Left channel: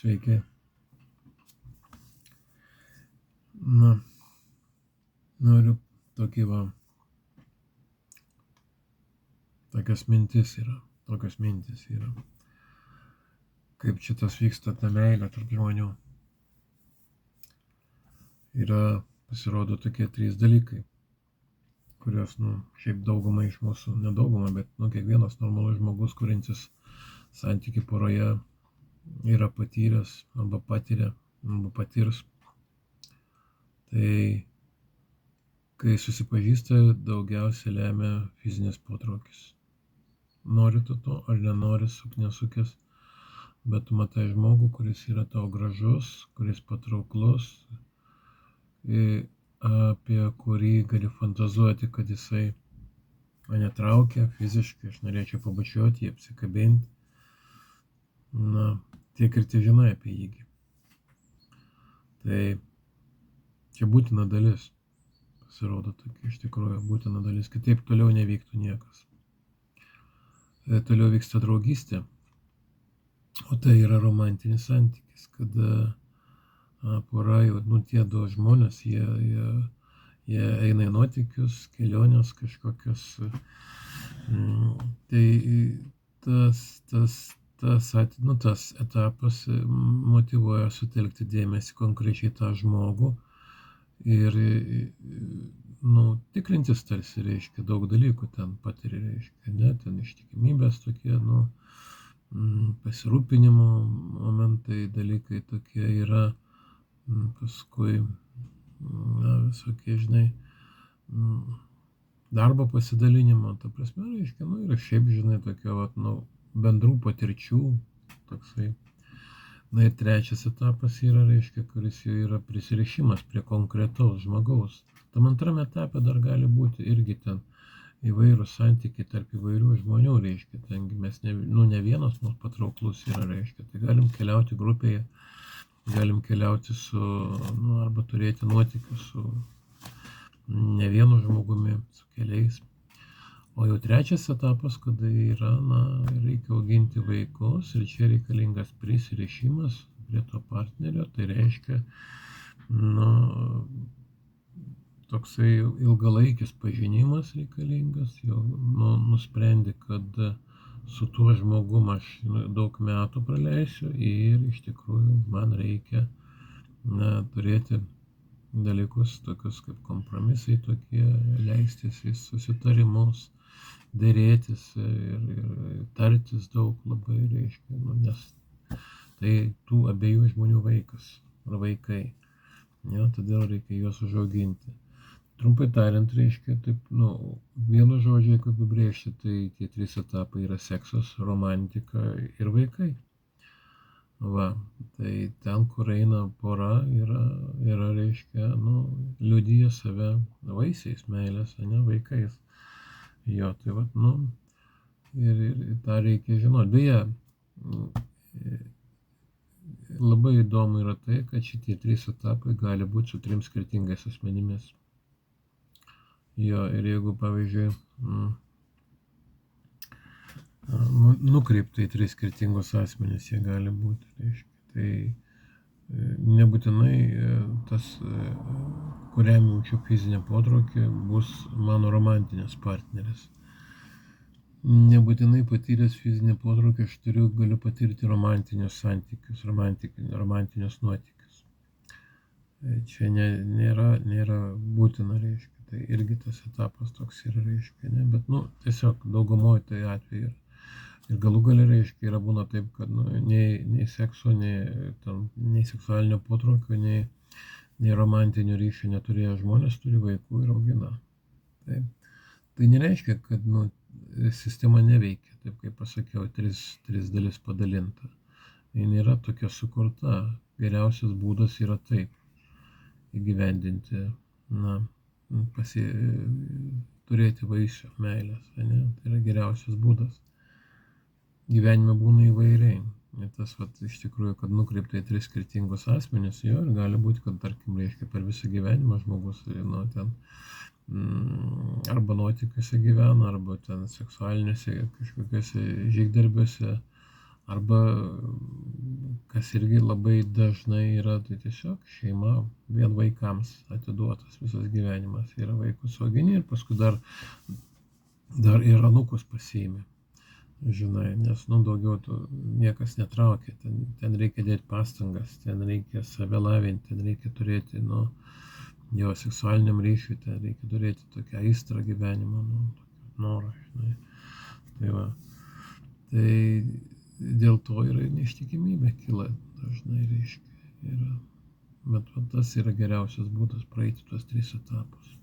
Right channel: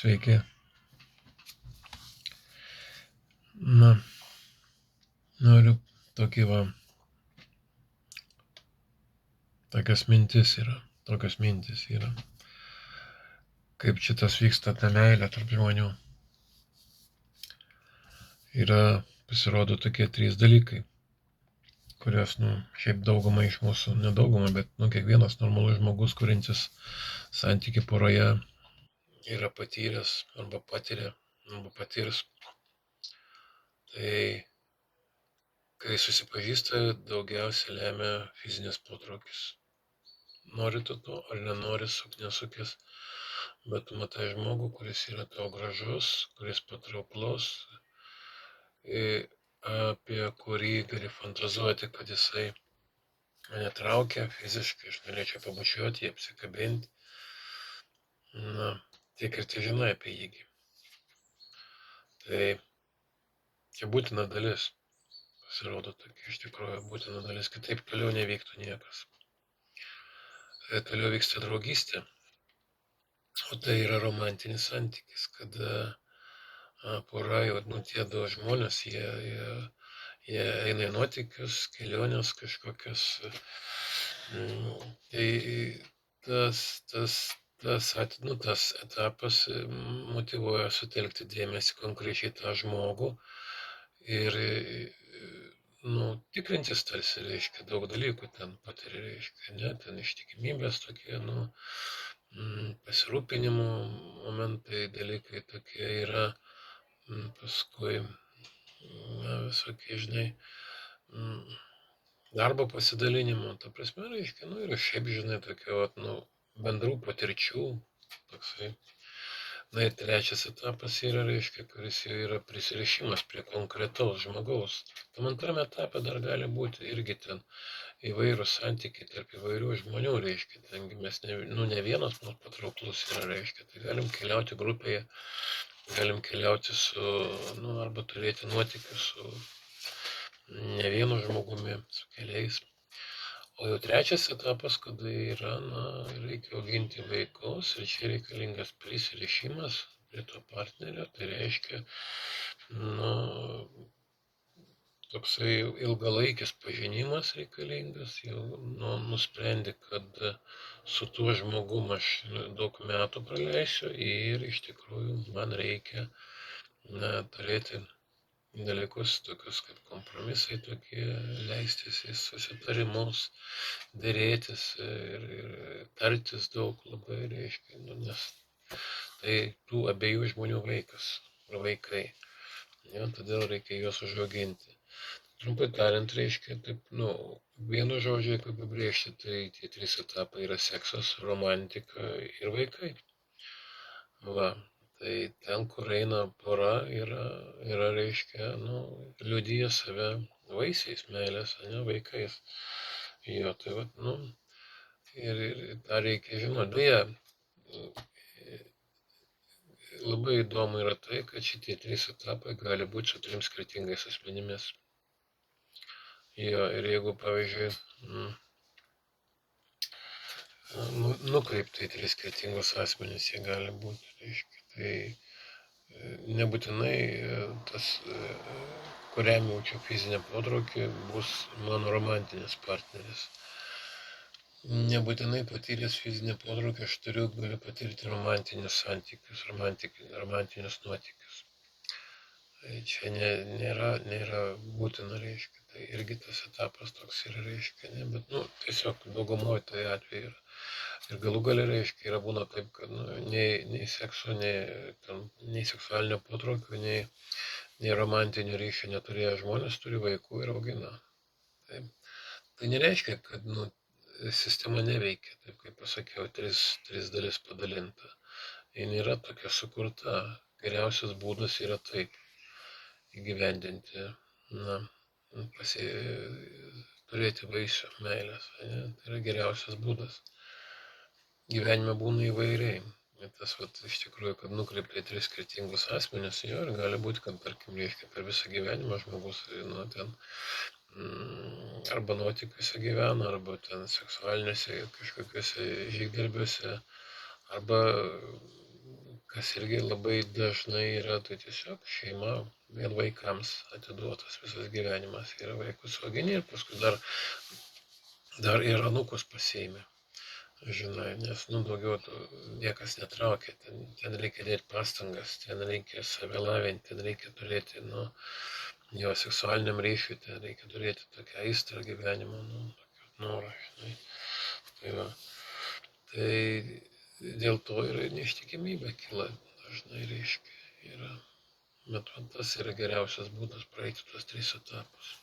Sveiki. Na, noriu tokios mintis yra. Kaip šitas vyksta ta meilė tarp žmonių. Pasirodo tokie 3 dalykai, kuriuos, šiaip dauguma iš mūsų, nedauguma, bet, kiekvienas normalus žmogus, kurintis santyki poroje, yra patyręs arba patiria, arba patirs. Tai kai susipažįsta, daugiausiai lemia fizinis potraukis. Nori tu to ar nenori, nesukis, bet tu matai žmogų, kuris yra tau gražus, kuris patrauklus, apie kurį gali fantazuoti, kad jisai mane traukia fiziškai, aš norėčiau pabučiuoti, apsikabinti. Tiek ir tie žinai apie jį. Tai čia būtina dalis. Pasirodo tokia iš tikrųjų būtina dalis, kitaip toliau nevyktų niekas. Toliau vyksta draugystė, o tai yra romantinis santykis, kada pora, tie 2 žmonės, jie eina į nuotykius, kelionės kažkokias. Tai tas etapas motyvuoja sutelkti dėmesį konkrečiai tą žmogų ir tikrintis tarsi, reiškia, daug dalykų ten patiria, reiškia, ne, ten ištikimybės tokie, pasirūpinimo momentai, dalykai tokie yra, paskui, visokie, žinai, darbo pasidalinimo, ta prasme, reiškia, ir šiaip, žinai, tokio, bendrų patirčių, toksai. Ir 3 etapas yra, reiškia, kuris jau yra prisirišimas prie konkretaus žmogaus. Tam 2 etape dar gali būti irgi ten įvairūs santykiai tarp įvairių žmonių, reiškia, tengi mes ne vienas mums patrauklus yra, reiškia, tai galim keliauti grupėje, galim keliauti arba turėti nuotykius su ne vienu žmogumi, su keliais. O jau 3 etapas, kada yra, reikia auginti vaikus ir čia reikalingas prisirišimas prie to partnerio, tai reiškia, toksai ilgalaikis pažinimas reikalingas, jau nusprendi, kad su tuo žmogum aš daug metų praleisiu ir iš tikrųjų man reikia turėti dalykus tokius kaip kompromisai tokie, leistis į susitarimus, dėrėtis ir tartis daug labai, reiškia, nes tai tų abiejų žmonių vaikai. Todėl reikia juos užauginti. Trumpai tariant, reiškia, taip, vienu žodžiu, jeigu apibrėžti, tai tie 3 etapai yra seksas, romantika ir vaikai. Tai ten, kur eina pora, yra reiškia, liudija save vaisiais, meilės, vaikais. Tai ir tą reikia žinoti. Beje, labai įdomu yra tai, kad šitie 3 etapai gali būti su 3 skirtingais asmenimis. Ir jeigu, pavyzdžiui, nukreipta į 3 skirtingus asmenis jie gali būti, reiškia. Tai nebūtinai tas, kuriam jaučiu fizinę potraukį, bus mano romantinis partneris. Nebūtinai patyręs fizinį potraukį aš galiu patirti romantinius santykius, romantinius nuotykius. Čia nėra būtina, reiškia. Tai irgi tas etapas toks yra, reiškia, bet, tiesiog daugumoje tai atveju yra. Ir galų gale, reiškia, būna taip, kad nei sekso, nei seksualinio potraukio, nei romantinių ryšių neturėję žmonės turi vaikų ir augina. Taip. Tai nereiškia, kad sistema neveikia, taip kaip pasakiau, 3 dalis padalinta. Ji nėra tokia sukurta. Geriausias būdas yra taip įgyvendinti, turėti vaisių meilės. Tai yra geriausias būdas. Gyvenime būna įvairiai. Tas iš tikrųjų, kad nukreipta į 3 skirtingus asmenis, ir gali būti, kad, tarkim, reiškia, per visą gyvenimą žmogus ten arba nuotykiuose gyvena, arba ten seksualiniuose kažkokiuose žygdarbiuose, arba kas irgi labai dažnai yra, tai tiesiog šeima vien vaikams atiduotas visas gyvenimas. Yra vaikus augini ir paskui dar ir anūkus pasiėmė. Žinai, nes, daugiau niekas netraukia, ten reikia dėti pastangas, ten reikia save lavinti, ten reikia turėti, jo seksualiniam ryšiui, ten reikia turėti tokią aistrą gyvenimo, tokį norą, žinai. Tai va, tai dėl to yra ir neištikimybė kyla dažnai, reiškia, yra. Bet tas yra geriausias būdas praeiti tuos 3 etapus.